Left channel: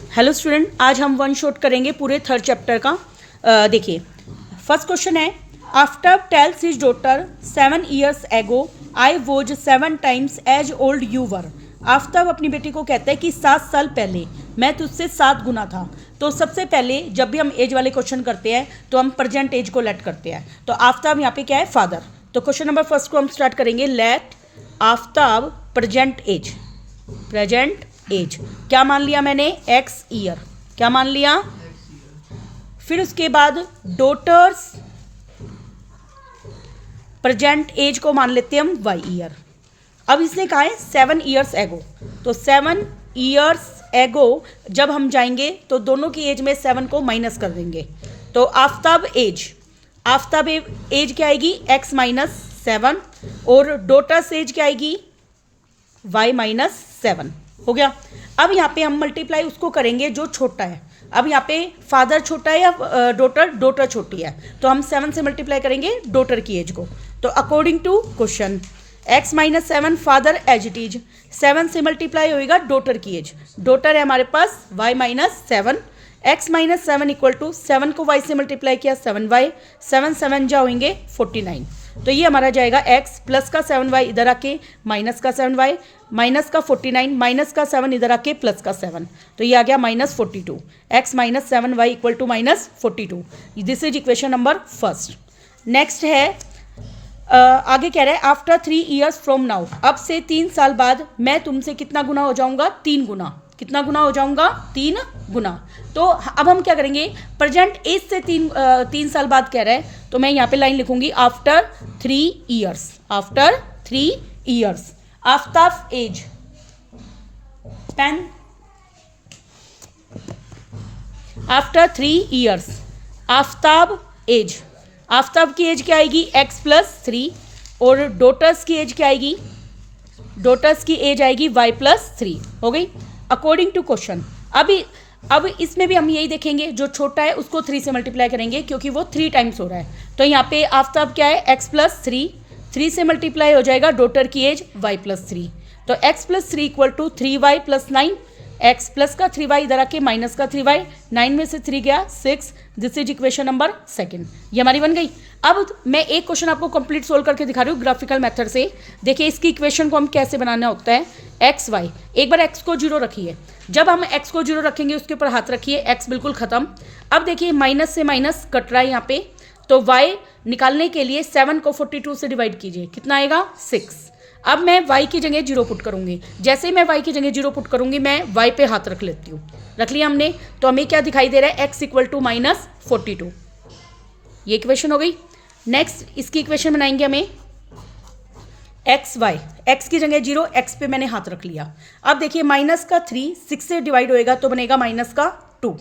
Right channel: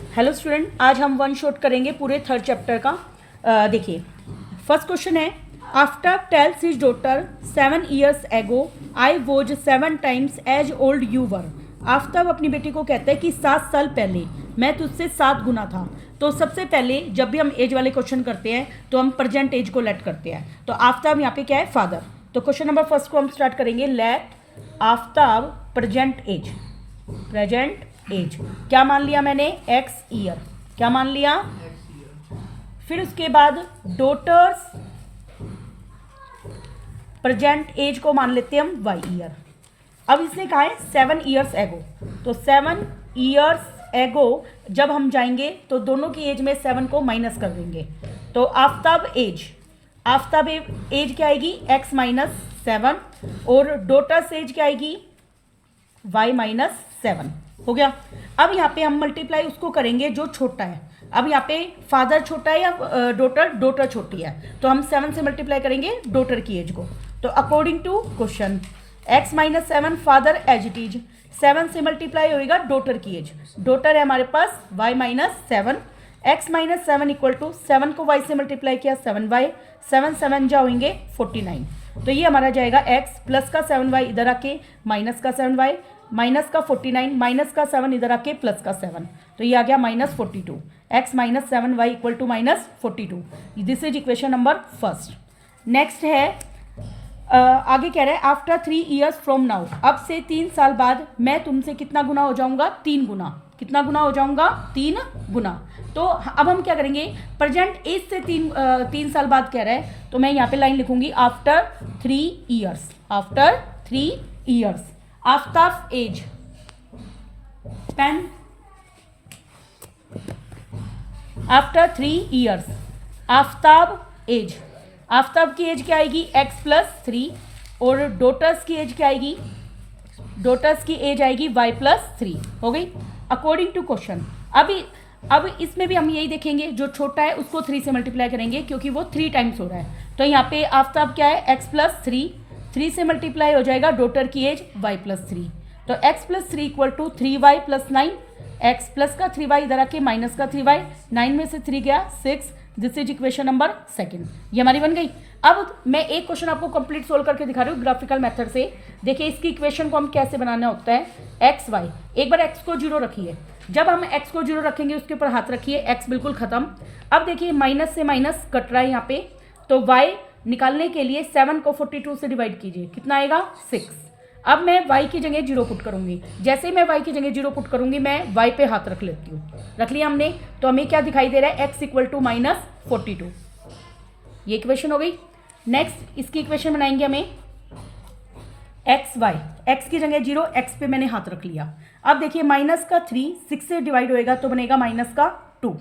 Hello student, आज हम one shot करेंगे पूरे थर्ड चैप्टर का। देखिए, फर्स्ट क्वेश्चन है, Aftab tells his daughter 7 years ago I was 7 times as old you were. Aftab अपनी बेटी को कहता है कि 7 साल पहले मैं तुझसे 7 गुना था। तो सबसे पहले जब भी हम एज वाले क्वेश्चन करते हैं तो हम प्रेजेंट एज को लेट करते हैं। तो आफ्ताब यहाँ पे क्या है, फादर। तो क्वेश्चन नंबर फर्स्ट को हम स्टार्ट करेंगे, let Aftab present age. Present age क्या मान लिया मैंने, एक्स ईयर। क्या मान लिया, फिर उसके बाद डॉटर्स प्रेजेंट एज को मान लेते हैं हम वाई ईयर। अब इसने कहा है 7 years एगो, तो 7 years एगो जब हम जाएंगे तो दोनों की एज में 7 को माइनस कर देंगे। तो आफ्ताब एज, आफ्ताब एज क्या आएगी, x - 7, और डॉटर्स एज क्या आएगी, y - 7। हो गया। अब यहाँ पे हम मल्टीप्लाई उसको करेंगे जो छोटा है। अब यहाँ पे फादर छोटा है या डॉटर छोटी है, तो हम 7 से मल्टीप्लाई करेंगे डॉटर की एज को। तो according to question x - 7 father age it is, 7 से मल्टीप्लाई होएगा डॉटर की एज। डॉटर है हमारे पास y - 7, x - 7 इक्वल टू 7 को y से मल्टीप्लाई किया 7y, 7 7 जा होंगे 49। तो ये हमारा जाएगा x प्लस का 7y इधर आके माइनस का 7y, माइनस का 49, माइनस का 7 इधर आके प्लस का 7, तो ये आ गया -42। x - 7y equal to -42। This is equation number first. Next है, आगे कह रहा है आफ्टर 3 years फ्रॉम नाउ, अब से 3 साल बाद मैं तुमसे कितना गुना हो जाऊंगा, 3 गुना। कितना गुना हो जाऊंगा, 3 गुना। तो अब हम क्या करेंगे, प्रेजेंट एज से 3 साल बाद कह रहा है, तो मैं यहाँ पे लाइन लिखूंगी after 3 years। After 3 years Aftab age, pen, after 3 years Aftab age. Aftab की एज क्या आएगी, x + 3, और डॉटर्स की एज क्या आएगी, डॉटर्स की एज आएगी y + 3। हो गई अकॉर्डिंग टू क्वेश्चन। अब इसमें भी हम यही देखेंगे, जो छोटा है उसको 3 से मल्टीप्लाई करेंगे क्योंकि वो 3 टाइम्स हो रहा है। तो यहाँ पे आफ्ताब क्या है, x + 3, 3 से मल्टीप्लाई हो जाएगा डॉटर की एज y + 3। तो x + 3 equal to 3y + 9, x plus का 3y इधर आके माइनस का 3y, 9 में से 3 गया 6। This is equation number second, ये हमारी बन गई। अब मैं एक क्वेश्चन आपको कंप्लीट सोल्व करके दिखा रही हूँ ग्राफिकल मेथड से। देखिए इसकी इक्वेशन को हम कैसे बनाना होता है, एक्स वाई। एक बार x को 0 रखिए, जब हम x को 0 रखेंगे उसके ऊपर हाथ रखिए, x बिल्कुल खत्म। अब देखिए माइनस से माइनस कट रहा है यहाँ पे, तो y निकालने के लिए 7 को 42 से डिवाइड कीजिए, कितना आएगा 6। अब मैं y की जगह 0 पुट करूंगी, जैसे ही मैं y की जगह 0 पुट करूंगी मैं y पे हाथ रख लेती हूँ। रख लिया हमने, तो हमें क्या दिखाई दे रहा है, x = -42। ये इक्वेशन हो गई। नेक्स्ट इसकी इक्वेशन बनाएंगे हमें, एक्स वाई, एक्स की जगह 0, x पे मैंने हाथ रख लिया। अब देखिए माइनस का 3 6 से डिवाइड होएगा तो बनेगा -2।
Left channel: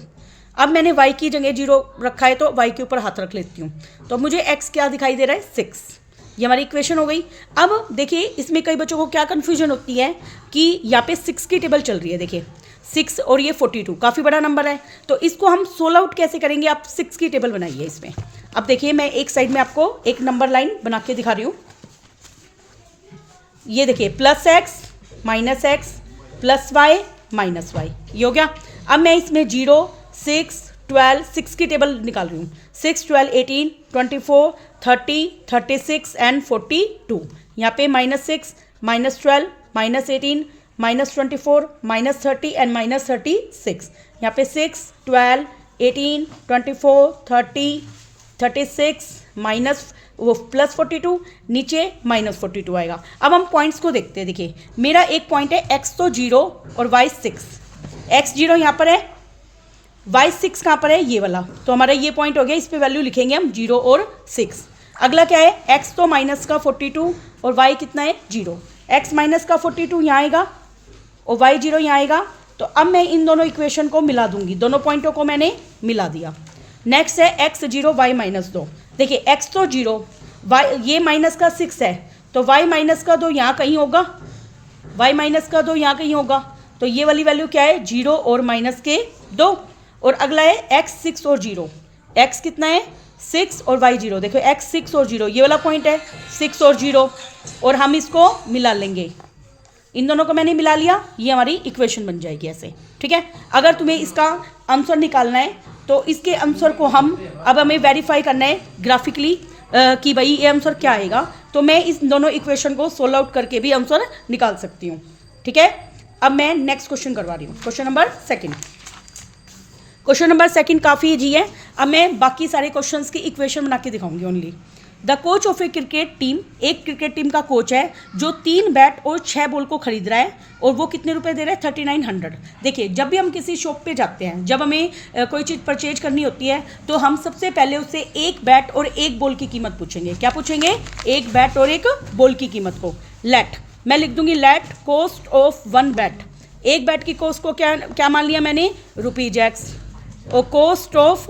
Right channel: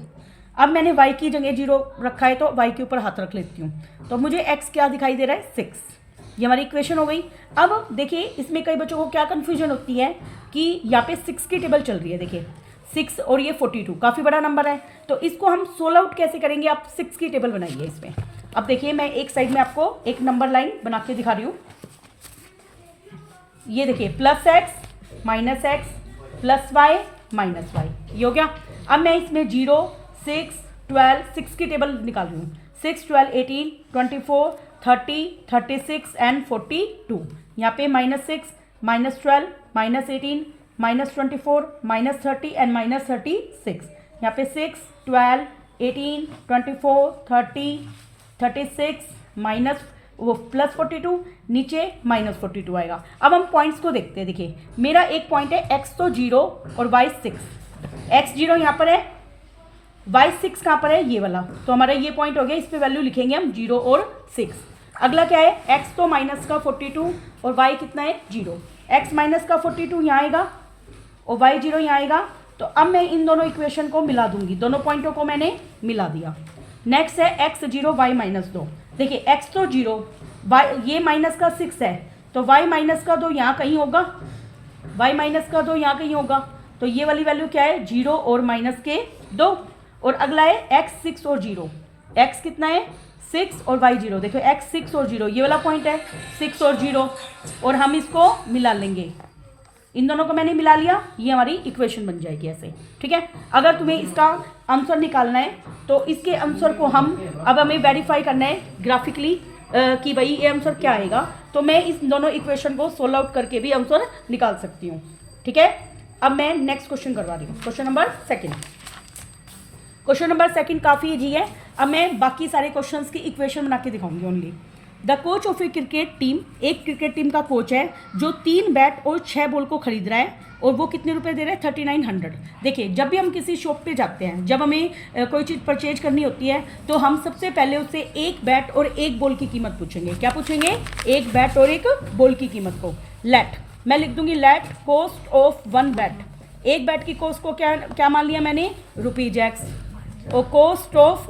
अब मैंने y की जगह 0 रखा है तो y के ऊपर हाथ रख लेती हूँ, तो मुझे x क्या दिखाई दे रहा है, 6। ये हमारी इक्वेशन हो गई। अब देखिए इसमें कई बच्चों को क्या कंफ्यूजन होती है कि यहाँ पे 6 की टेबल चल रही है। देखिए 6 और ये 42 काफ़ी बड़ा नंबर है, तो इसको हम सोल्व आउट कैसे करेंगे, आप 6 की टेबल बनाइए इसमें। अब देखिए मैं एक साइड में आपको एक नंबर लाइन बना के दिखा रही हूँ। ये देखिए +x -x +y -y, ये हो गया। अब मैं इसमें 0 6 12 6 की टेबल निकाल रही हूँ। 6 12 18 24 30 36 एंड 42। यहाँ पे -6 -12 -18 -24 -30 एंड -36। यहाँ पे 6 12 18 24 30 36 माइनस वो +42, नीचे -42 आएगा। अब हम पॉइंट्स को देखते हैं। देखिए मेरा एक पॉइंट है, x तो 0 और y 6। x 0 यहाँ पर है, y 6 कहाँ पर है, ये वाला। तो हमारा ये पॉइंट हो गया, इस पे वैल्यू लिखेंगे हम 0 और 6। अगला क्या है, x तो माइनस का 42 और y कितना है 0। x माइनस का 42 यहाँ आएगा और y 0 यहाँ आएगा। तो अब मैं इन दोनों इक्वेशन को मिला दूंगी, दोनों पॉइंटों को मैंने मिला दिया। नेक्स्ट है x 0 y -2। देखिए x तो 0, y ये माइनस का 6 है, तो y -2 यहाँ कहीं होगा, y -2 यहाँ कहीं होगा। तो ये वाली वैल्यू क्या है, 0 और -2। और अगला है x 6 और 0। x कितना है, 6 और y 0। देखो x 6 और 0, ये वाला पॉइंट है 6 और 0, और हम इसको मिला लेंगे। इन दोनों को मैंने मिला लिया, ये हमारी इक्वेशन बन जाएगी ऐसे, ठीक है। अगर तुम्हें इसका आंसर निकालना है तो इसके आंसर को अब हमें वेरीफाई करना है ग्राफिकली कि भाई ये आंसर क्या आएगा, तो मैं इस दोनों इक्वेशन को सोल्व आउट करके भी आंसर निकाल सकती हूँ, ठीक है। अब मैं नेक्स्ट क्वेश्चन करवा रही हूँ, question number second. Question number second काफ़ी इजी है। अब मैं बाकी सारे क्वेश्चंस की इक्वेशन बना के दिखाऊंगी only. The coach of A cricket team, एक क्रिकेट टीम का कोच है जो 3 बैट और 6 बॉल को खरीद रहा है, और वो कितने रुपए दे रहा है? 3900। देखिए, जब भी हम किसी शॉप पे जाते हैं, जब हमें कोई चीज़ परचेज करनी होती है, तो हम सबसे पहले उससे एक बैट और एक बॉल की कीमत पूछेंगे। क्या पूछेंगे? एक बैट और एक बॉल की कीमत को। लेट, मैं लिख दूंगी लेट कॉस्ट ऑफ 1 बैट। एक बैट की कॉस्ट को क्या मान लिया मैंने? ₹X। और कॉस्ट ऑफ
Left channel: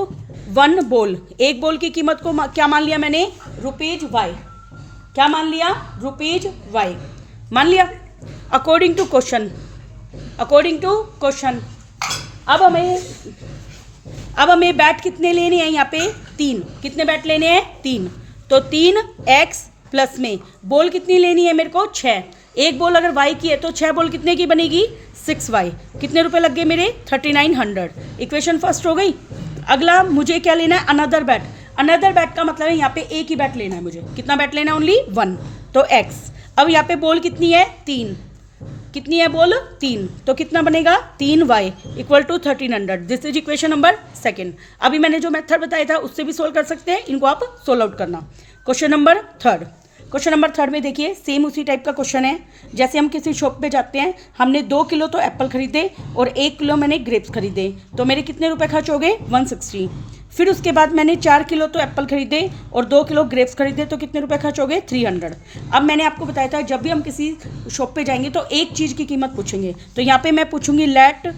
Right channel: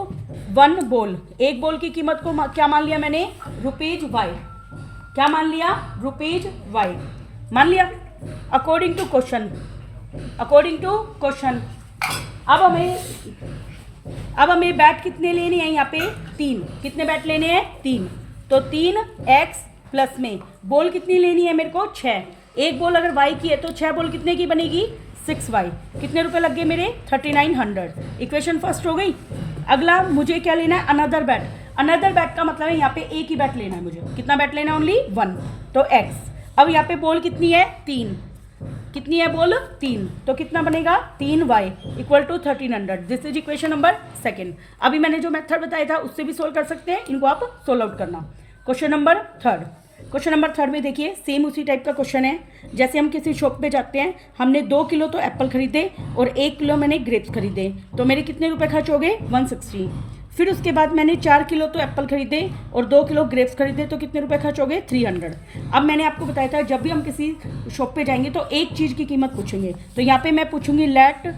1 बॉल, एक बॉल की कीमत को क्या मान लिया मैंने? ₹Y। क्या मान लिया? ₹Y मान लिया। अकॉर्डिंग टू क्वेश्चन, अब हमें बैट कितने लेने हैं यहाँ पे? 3। कितने बैट लेने हैं? 3। तो 3x प्लस में बॉल कितनी लेनी है मेरे को? 6। एक बॉल अगर y की है तो 6 बॉल कितने की बनेगी? 6y। कितने रुपए लग गए मेरे? 3900। इक्वेशन फर्स्ट हो गई। अगला मुझे क्या लेना है? Another bat. अनदर बैट का मतलब है यहाँ पे एक ही बैट लेना है मुझे। कितना बैट लेना है? ओनली 1। तो x। अब यहाँ पे बॉल कितनी है? 3। कितनी है बॉल? 3। तो कितना बनेगा? 3y equal to 1300। This is equation number second. अभी मैंने जो मेथड बताया था उससे भी सोल्व कर सकते हैं, इनको आप सोल्व आउट करना। Question number third. Question number third में देखिए, सेम उसी टाइप का क्वेश्चन है। जैसे हम किसी शॉप पे जाते हैं, हमने 2 किलो तो एप्पल खरीदे और 1 किलो मैंने ग्रेप्स खरीदे, तो मेरे कितने रुपए खर्च हो गए? 160। फिर उसके बाद मैंने 4 किलो तो एप्पल खरीदे और 2 किलो ग्रेप्स खरीदे, तो कितने रुपए खर्च हो गए? 300। अब मैंने आपको बताया था जब भी हम किसी शॉप पे जाएंगे तो एक चीज़ की कीमत पूछेंगे, तो यहाँ पे मैं पूछूंगी लेट